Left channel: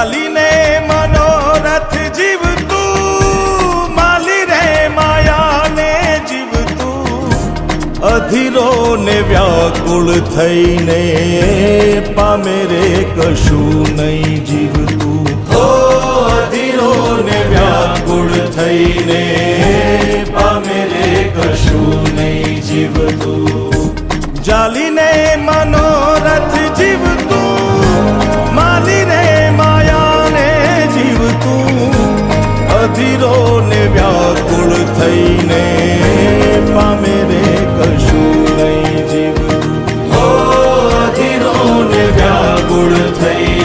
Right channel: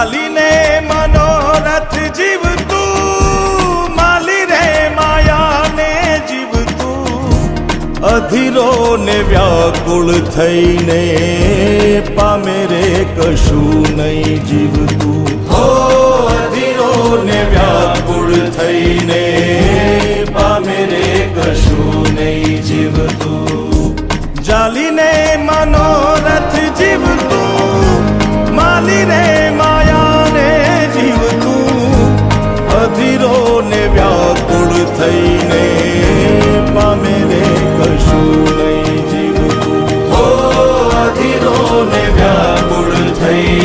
ચાલીને મનોરથ જીવતું, માલી રે માયાને જીવતું, અધીરો ને વ્યાકુળ થઈને પામે રે કશું નહીં જીવતું. ઓ અધીરો ને વ્યાકુળ થઈને પામે રે કશું નહીં જીવતું. ચાલીને મનોરથ જીવતું, માલી રે માયાને જીવતું, અધીરો ને વ્યાકુળ થઈને પામે રે કશું નહીં જીવતું. ઓ અધીરો ને વ્યાકુળ થઈ